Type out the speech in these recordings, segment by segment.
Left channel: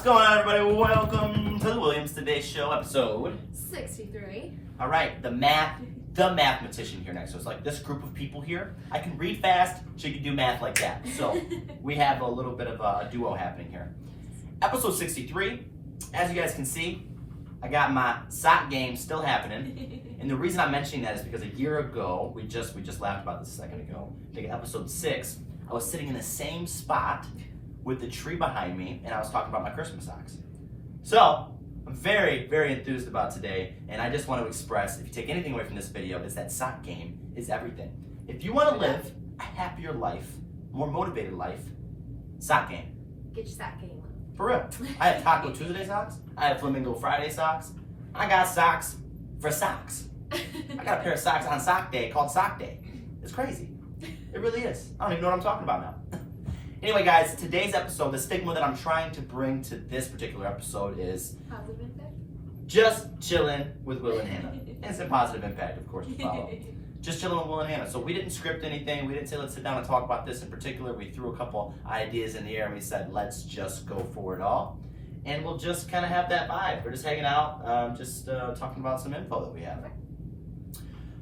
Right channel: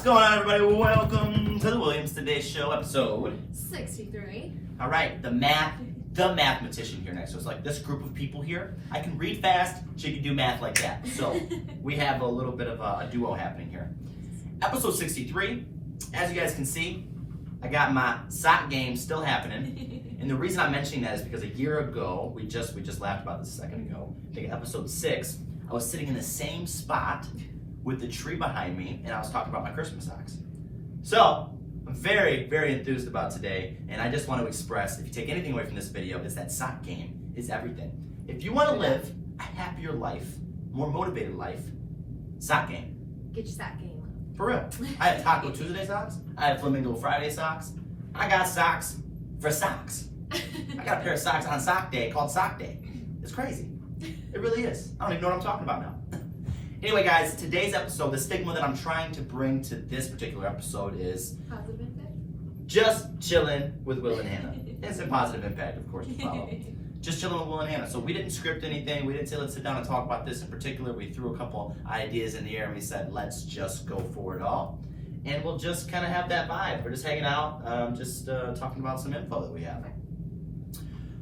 What's going on, everybody? Welcome to the Williams Today Show, episode 63. All right, the mathematician here next. So it's like this group of people here. I can read fast, she can do math like that. So we have a little bit of a duo happening here. Episode 63. As you guys can see, I got my sock game still happening. And the reason I'm mentioning that is because a year ago, we just laughed about this a second ago. I think episode 6, I was sitting in the same spot with the tree behind me, and I was talking about my Christmas socks. So, I'm very, very enthused about today, and I just want to express, if you take anything away from this video, is that sock game is everything. If you want to live a happier life, more motivated life, sock game. Get your sock game up. For real. I have Taco Tuesday socks, I have Flamingo Friday socks, I got socks for socks. I got a pair of socks on sock day called Sock Day. It's crazy. It really is. I don't even know what I'm talking about now. Anyway, guys, today's episode, the stigma that I'm trying to bring to this particular episode is Positive impact? just chilling with Will and Hannah. And some positive impact, of course, to follow. Just chilling with Will and Hannah. So we didn't script anything. We didn't say let's sit down and talk about this in particular. We threw a couple ideas in the air and we said let's just go for it all. And we'll just kind of have that vibe. We're just hanging out, talking about some info that we have.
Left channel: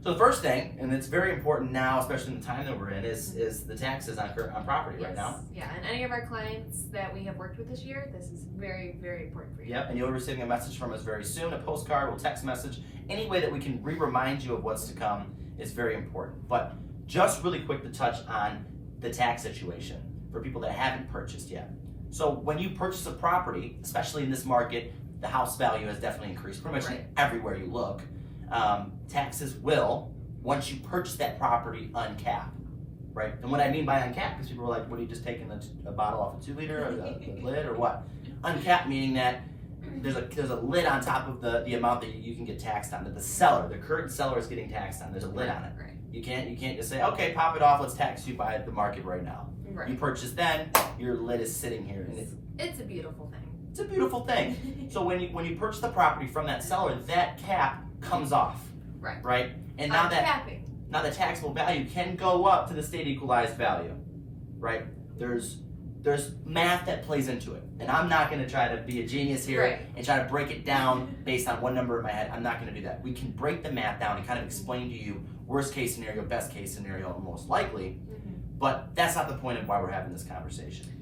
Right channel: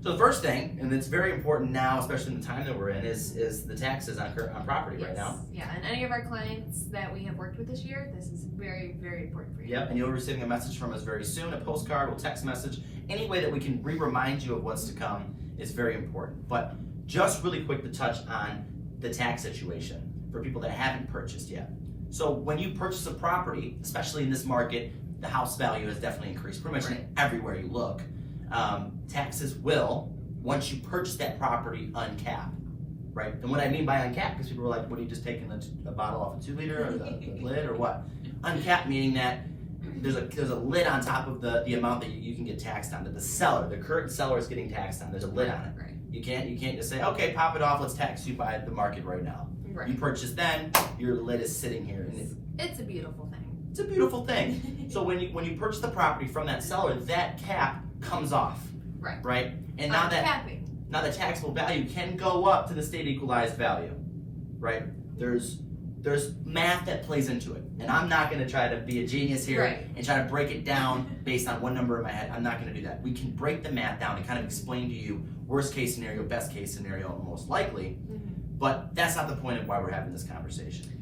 So the first thing, and it's very important now, especially in the time that we're in, is the taxes on property right now. Yeah, and any of our clients that we have worked with this year, this is very, very important for you. Yep, and you'll be receiving a message from us very soon, a postcard or text message. Any way that we can remind you of what's to come is very important. But just really quick to touch on the tax situation for people that haven't purchased yet. So when you purchase a property, especially in this market, the house value has definitely increased pretty much everywhere you look. Taxes will, once you purchase that property, uncap, right? And what I mean by uncap, because people are like, what are you just taking a bottle off a 2-liter or the lid or what? Uncap meaning that there's a lid on top of the amount that you can get taxed on, that the current seller is getting taxed on. There's a lid on it. Right. You can't just say, okay, pop it off, let's tax you by the market right now. Right. You purchase then, your lid is sitting here. And it's a beautiful thing. it's a beautiful thing. So when you purchase the property from that seller, that cap comes off. Right? And now the taxable value can go up to the state equalized value. Right? There's math that plays into it. And I'm not gonna try to be a genius here and try to break it down based on one number in my head. I'm not gonna do that. We can break the math down and kind of explain to you worst case scenario, best case scenario, and most likely. But that's not the point of why we're having this conversation.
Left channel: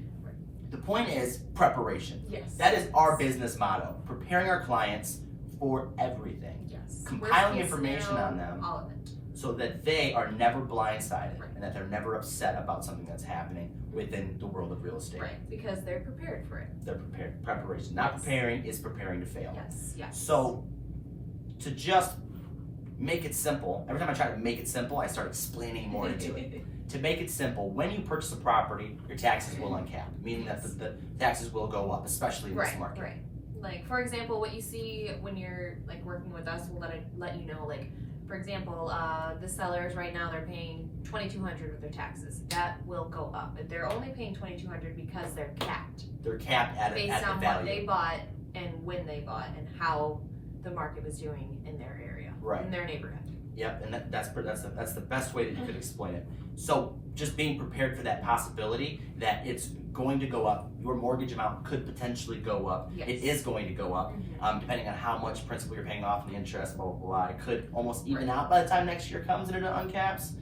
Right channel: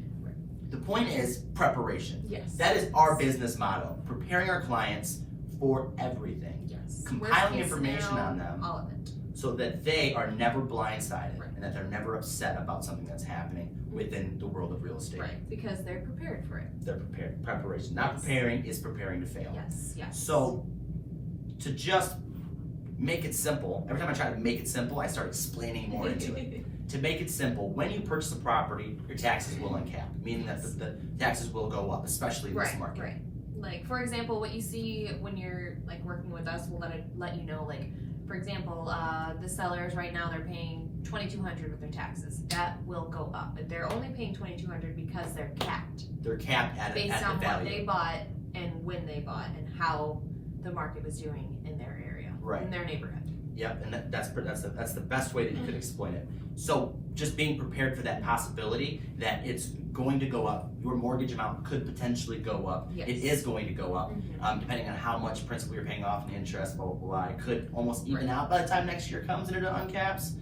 The point is preparation. Yes. That is our business motto. Preparing our clients for everything. Yes. Compiling information on them all of it. so that they are never blindsided and that they're never upset about something that's happening within the world of real estate. Right, because they're prepared for it. They're prepared. Preparation. Not preparing is preparing to fail. Yes. So to just make it simple, every time I try to make it simple, I start explaining more into it. To make it simple, when you purchase a property, your taxes will uncap, meaning that the taxes will go up, especially in this market. Right. Like, for example, what you see when you're like working with us, we'll let you know, like, for example, the sellers right now, they're paying $2,200 with their taxes. That will go up. But they're only paying $2,200 because they're capped. They're capped at based on value. what they bought and when they bought and how the market was doing in their area, in their neighborhood. Yep, and that's the best way that you could explain it. So just being prepared for that possibility that it's going to go up. Your mortgage amount could potentially go up. Yes. It is going to go up, depending on how much principal you're paying off and the interest, blah, blah, blah. It could almost even out by the time next year comes and it uncaps.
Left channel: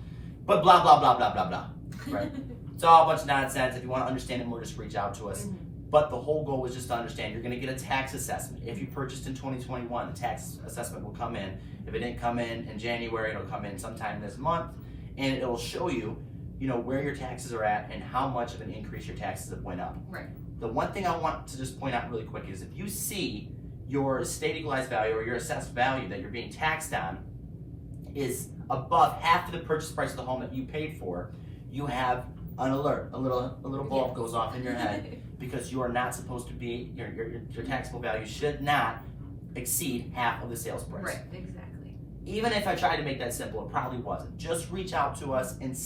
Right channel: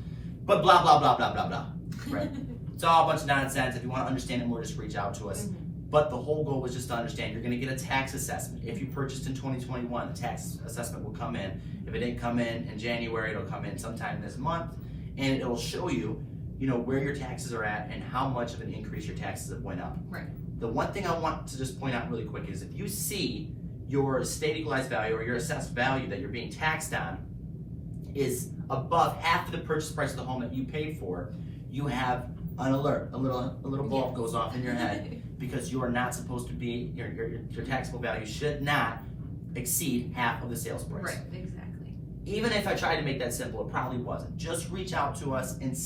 But blah, blah, blah, blah, blah, blah, right? It's all a bunch of nonsense. If you want to understand it more, just reach out to us. But the whole goal was just to understand you're going to get a tax assessment. If you purchased in 2021, the tax assessment will come in. If it didn't come in January, it'll come in sometime this month, and it'll show you, where your taxes are at and how much of an increase your taxes have went up. Right. The one thing I want to just point out really quick is if you see your state equalized value or your assessed value that you're being taxed on is above half of the purchase price of the home that you paid for, you have an alert. A little bulb goes off in your head because you are not supposed to be, your taxable value should not exceed half of the sales price. Right, exactly. Even if I tried to make that simple, it probably wasn't. Just reach out to us and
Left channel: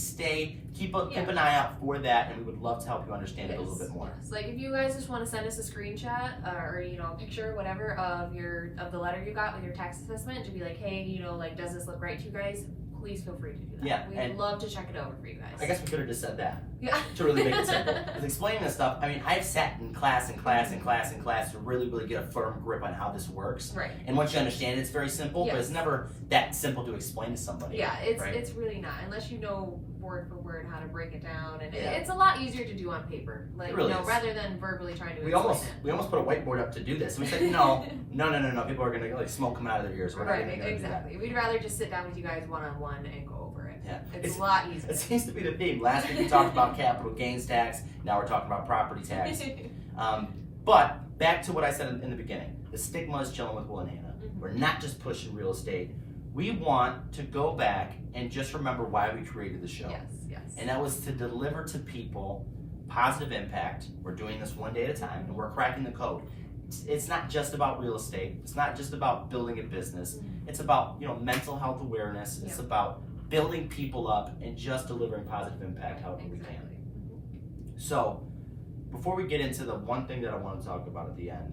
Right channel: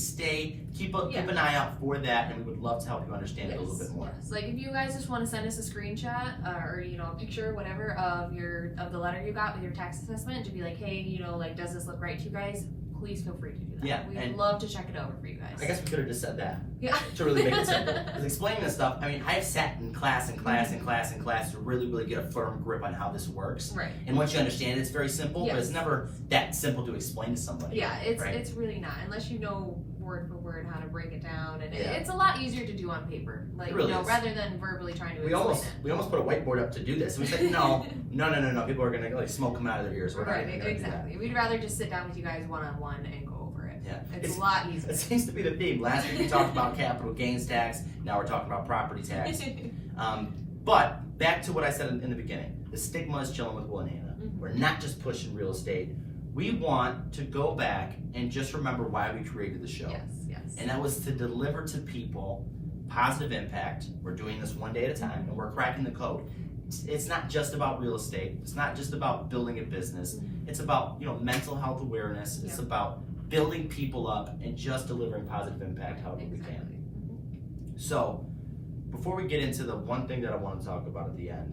keep an eye out for that, and we would love to help you understand it a little bit more. Yes. Like if you guys just want to send us a screenshot or a picture, whatever, of the letter you got with your tax assessment to be like, hey, like, does this look right to you guys? please feel free to do that. Yeah, We'd and- love to check it over for you guys. I guess we could have just said that Yeah. to really make it simple. Because explaining this stuff, I mean, I've sat in class to really, really get a firm grip on how this works. Right. And once you understand it, it's very simple, but Yes. it's never that simple to explain to somebody. Yeah, it's right? it's really not unless you know word for word how to break it down, and Yeah. it's a lot easier to do on paper, like It really you know, is. rather than verbally trying to We explain almost put a whiteboard up to do this. And we said, no. People are gonna like smoke come out of their ears. it. We're not Right, even gonna do that. exactly. We'd rather just sit down with you guys one on one and go over it. Yeah. It's a lot easier. It seems to be the theme. Last week we talked about capital gains tax. Now we're talking about property tax. But back to what I said in the beginning. The stigma is chilling with Will and Hannah. Mhm. We're not just pushing real estate. We want to go back and just remember why we created the show. Yes, yes. And that was to deliver to people positive impact. We're doing this one day at a time, and we're cracking the code. It's not just about real estate. It's not just about building a business. It's about mental health awareness. It's Yeah. about building people up and just delivering positive impact however we can. Exactly. So, before we get into the one thing that I want to talk about at the end,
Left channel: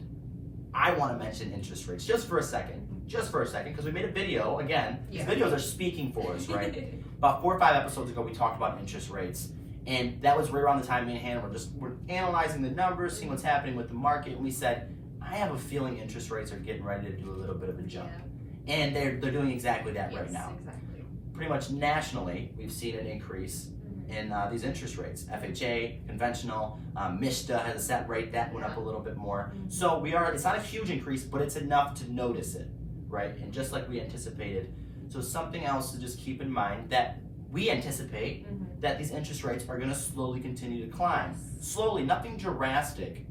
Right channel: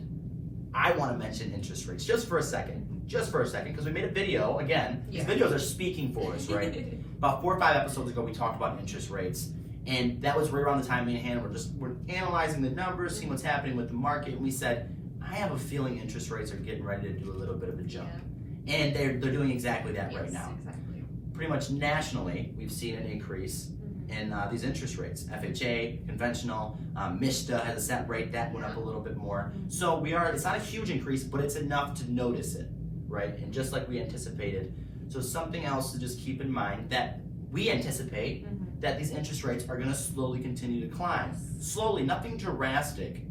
I want to mention interest rates just for a second. Just for a second, because we made a video, again, these Yeah. videos are speaking for us, right? About 4 or 5 episodes ago, we talked about interest rates, and that was right around the time me and Hannah we're analyzing the numbers, seeing what's happening with the market, and we said, I have a feeling interest rates are getting ready to do a little bit of a jump. Yeah. And they're doing exactly that right Yes, now. exactly. Pretty much nationally, we've seen an increase in these interest rates. FHA, conventional, MISTA has a set rate that went up a little bit more. So it's not a huge increase, but it's enough to notice it, right? And just like we anticipated. So something else to just keep in mind that we anticipate that these interest rates are going to slowly continue to climb. Slowly, nothing drastic.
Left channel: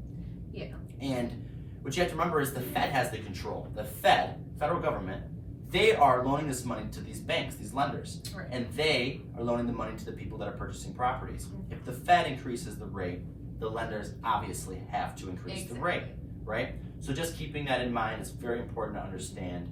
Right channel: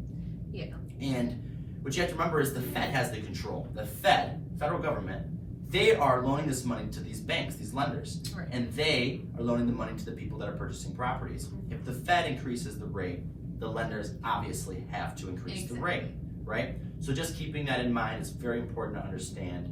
Yeah. And what you have to remember is the Fed has the control. The Fed, federal government, they are loaning this money to these banks, these lenders, Right. and they are loaning the money to the people that are purchasing properties. If the Fed increases the rate, the lenders obviously have to increase the rate, right? So just keeping that in mind is very important to understand.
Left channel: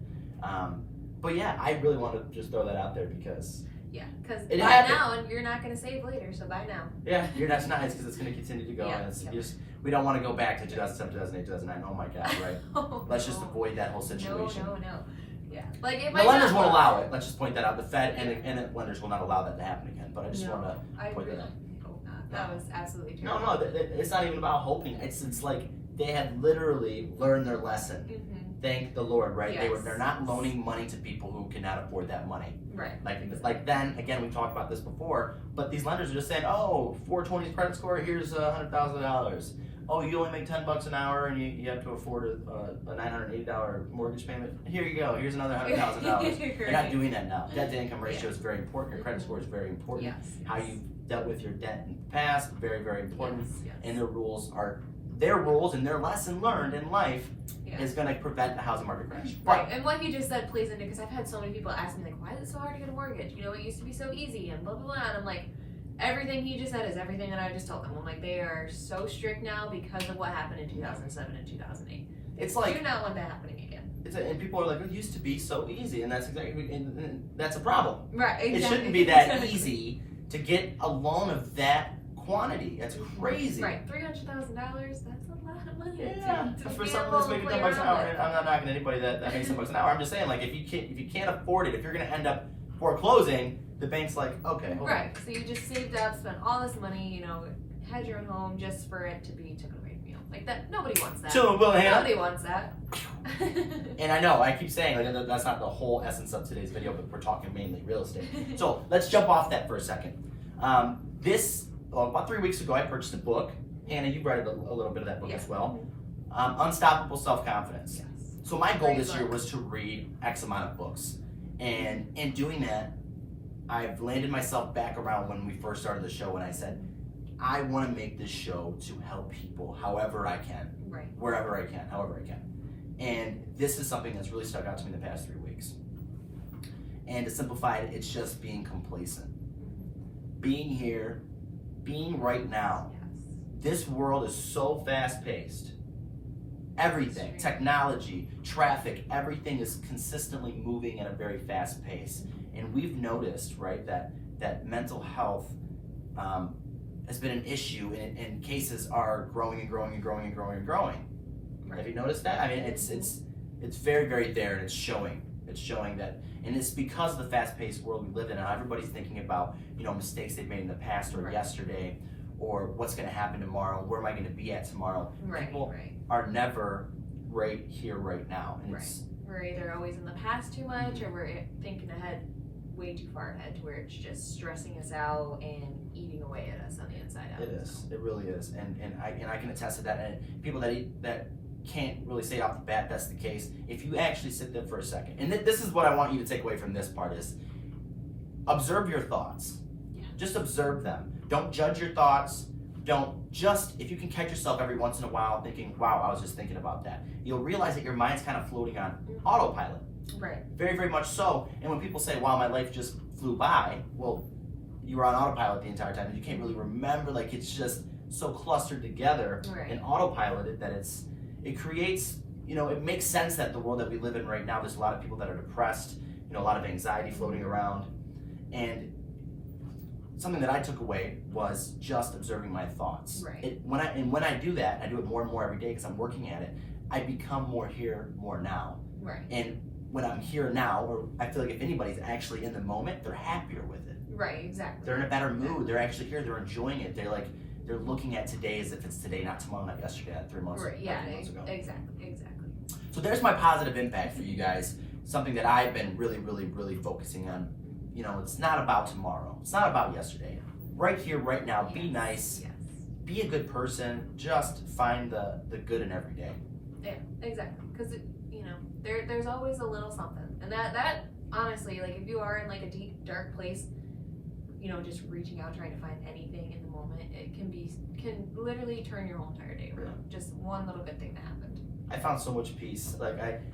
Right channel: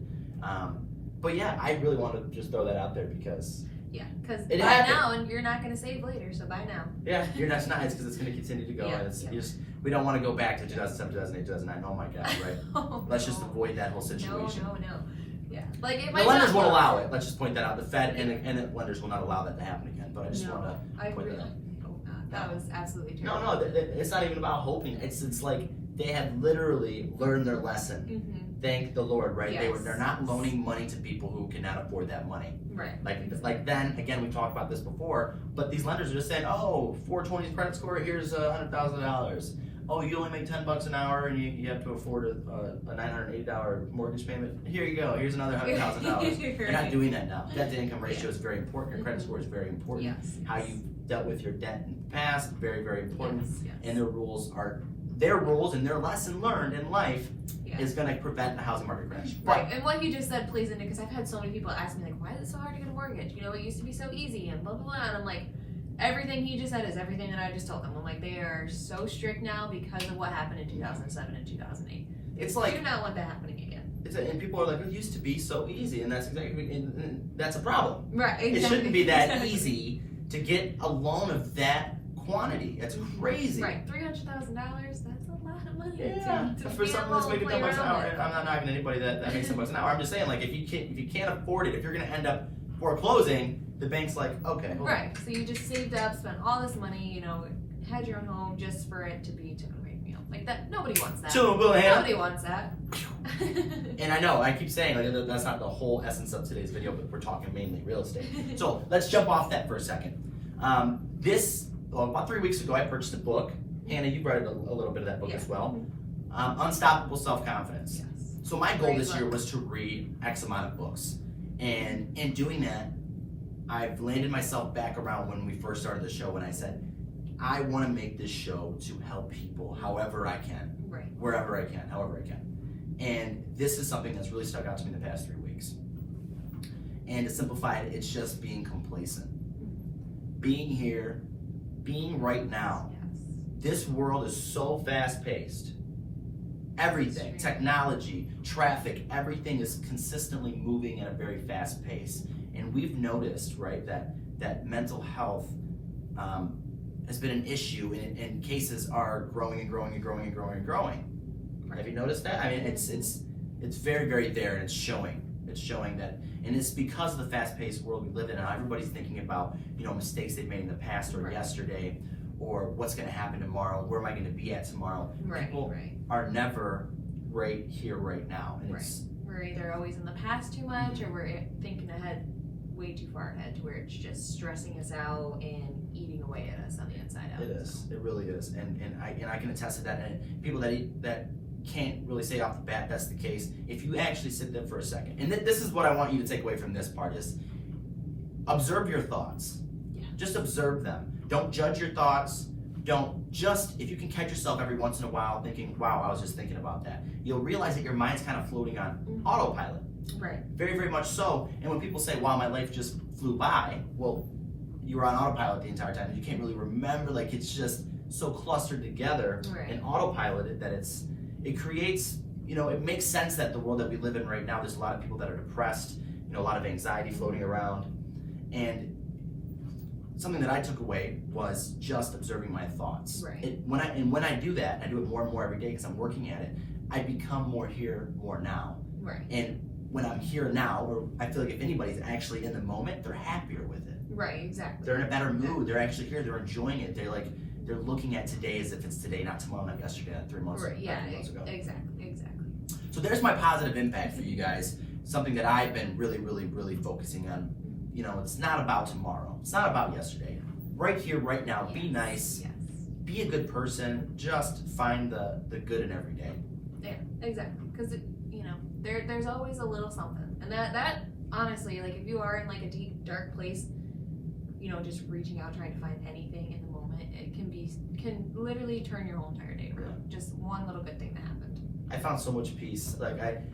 But yeah, I really want to just throw that out there because Yeah, because It buy happened. now and you're not going to save later, so buy now. yeah, that's nice because it's going to continue to go. Yeah, And it's yeah. just, we don't want to go back to 2007, 2008, 2009. Oh my God, right? Oh, Let's just no. avoid that whole situation. No. Yeah, like it The might lenders not won't go allow up. it. Let's just point that out. The Fed and the lenders will not allow that to happen again. But I just want to. I point really that out. hope not. That was absolutely No, terrible. it's not even about hoping. It's like they have literally learned their lesson. Mm-hmm. Thank the Lord, right? Yes. They're not loaning money to people who cannot afford that money. Right. Like then again, we talked about this before. But these lenders are just saying, oh, 420 credit score. Here's $100,000. Oh, you only make $10 an hour and you have to afford a $980 mortgage payment. Here you go. Here's another $100,000. They're not doing that now. Debt to income ratio is very important. Your credit score is very important. Yes. How you dealt with your debt in the past, very, very important. Yes. And their rules and their lesson learned in life Yeah. is going to prevent the housing market crash. Right, and what he just said plays into, because I've had so many people ask me like, why is it so hard to get a mortgage? You know, it used to be so easy and blah blah blah. And I'm like, everything he just said is everything that I just told them. I'm like, they are so strict now because of what happened in 2007 and 2008. It's like Do not want that happening again. and people are like, it used to be so easy, and that's exactly and that's a problem. Right, exactly. It shouldn't be that easy to get a loan of that quantity. That's crazy. Right, $300,000. That's a lot of money. Yeah, to for be something able that's to making play $10 an around hour, with. and I'm not knocking anybody that makes $10 an hour. I'm just saying, like, if you can't afford it, if you're going to end up foreclosing, the bank's like, okay, hold on. Right, so you just saved up, spent all this money, you know, had your own home just for it to be taken away from you. Like that, nobody wants that. Chillen, Will, and Hannah. Nobody wants that. And I know, I keep saying, like, that's not the whole essence of today's video, but we're talking mainly real estate. So let's jump off that for a second. About 3 weeks ago, I purchased a book. Hannah, you read a little bit of that book Yeah. as well. Unstoppable Self-Confidence. Yes. So my goal Great this year book. was to read X amount of books. And in doing that, I've landed myself back around when we first started the show, and I said, I want to make this show to help people however I can, Right. wherever I can, however I can. And this is something that's really stuck out to me the past 3 weeks. And to simplify it, it's just being complacent. Being here, being right now. Yes. This world is so fast-paced. Everything, Extreme. technology, traffic, everything is consistently moving at a very fast pace. And we've noticed, right, that mental health has been an issue, and cases are growing and growing and growing and growing and growing. Right. Have you noticed that? I mean, it's very, very there, and it's showing. It's showing that, and it's because of the fast-paced world we live in, and everybody's thinking about, mistakes they've made in the past or yesterday, or what's going to happen tomorrow, where am I going to be at tomorrow. People are never right here, right now. And we're either always in the past too much, or we're thinking ahead, way too far ahead, to where it's just stressing us out and eating away at us on the inside out. It is. It really is. And I can attest to that. And people that can't really say off the bat that's the case. If you actually sit there for a second, and this is what I want you to take away from this part is, observe your thoughts. Yeah. Just observe them. Don't judge your thoughts. If you can catch yourself every once in a while thinking, wow, I was just thinking about that, you'll realize that your mind's kind of floating on autopilot. Right. Very, very much so. And when people say, wow, my life just flew by, well, you were on autopilot the entire time. You can't really remember, like it's just so clustered together and autopiloted that it creates, it makes sense that the world that we live in right now, there's a lot of people that are depressed, a lot of anxiety floating around. And something that I took away was just observing my thoughts. Right. When I do that, I do it more and more every day because I'm working at it, I become more here, more now. Right. And when I'm here now, or I feel like if anybody's actually in the moment, they're happier with it. Right, exactly. They're in a better mood. They're actually here. They're enjoying it. They're looking at today as if it's today, not tomorrow, not yesterday, not 3 months, right. Yeah, 3 months ago. Exactly. So there's my positive impact for you guys. Something that I've been really, really, really focusing on. It's not about tomorrow. It's not about yesterday. Right here, right now. Be nice. Yes. Be a good person. Just find the good in every day. Yeah, exactly. Because there's always a little something, and that honestly, like if you are in like a deep, dark place, just reaching out, trying to find anything in the moment, it can literally turn your whole entire day around. Just one little good thing that happened. I found so much peace.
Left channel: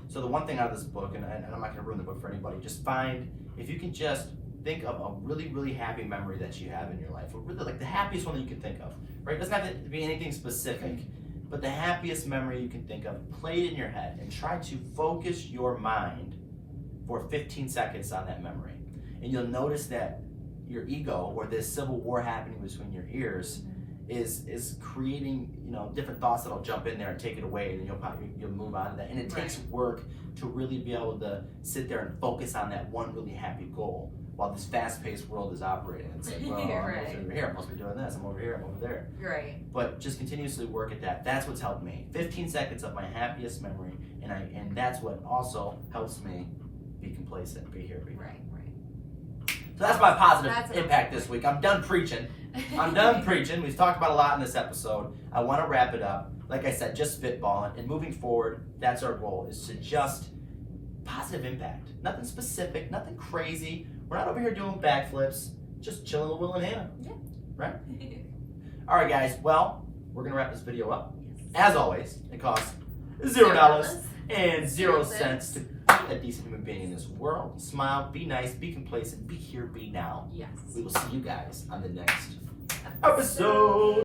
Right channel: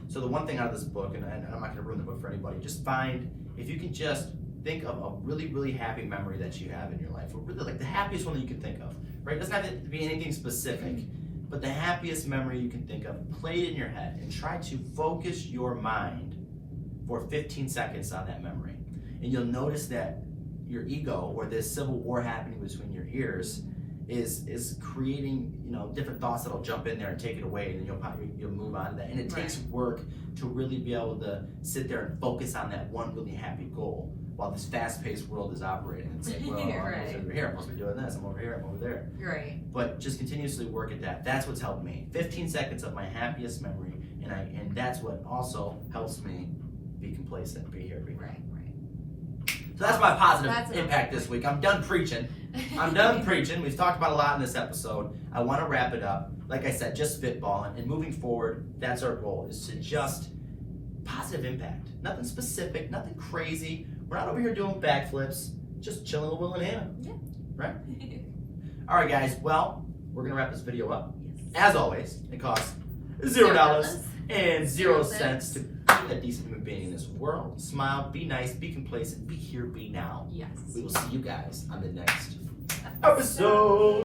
So the one thing out of this book, and I'm not going to ruin the book for anybody, just if you can just think of a really, really happy memory that you have in your life, or really like the happiest one that you can think of, right? It doesn't have to be anything specific, but the happiest memory you can think of, play it in your head and try to focus your mind for 15 seconds on that memory. And you'll notice that your ego, or this civil war happening between your ears, is creating different thoughts that'll jump in there and take it away, and then you'll move on to that. And it takes work to really be able to sit there and focus on that one really happy goal while this fast-paced world is operating. And say, well, I'm over here, I must be doing this, I'm over here, I'm over there. Right. But just continuously work at that. That's what's helped me. 15 seconds of my happiest memory, and that's what also helps me be complacent, be here, be right. So that's my positive impact this week. I'm done preaching. We've talked about a lot in this episode. I want to wrap it up. Like I said, just spitballing. And moving forward, that's our goal, is to just positive impact. Nothing specific, nothing crazy. We're not over here doing backflips. Just chilling with Will and Hannah. Yeah. Right? All right, guys. Well, we're going to wrap this video up. Yes. As always, it costs $0 and 0 cents to be a decent human being in this world. Smile, be nice, be complacent, be here, be now. Yes. We will see you guys on the next episode.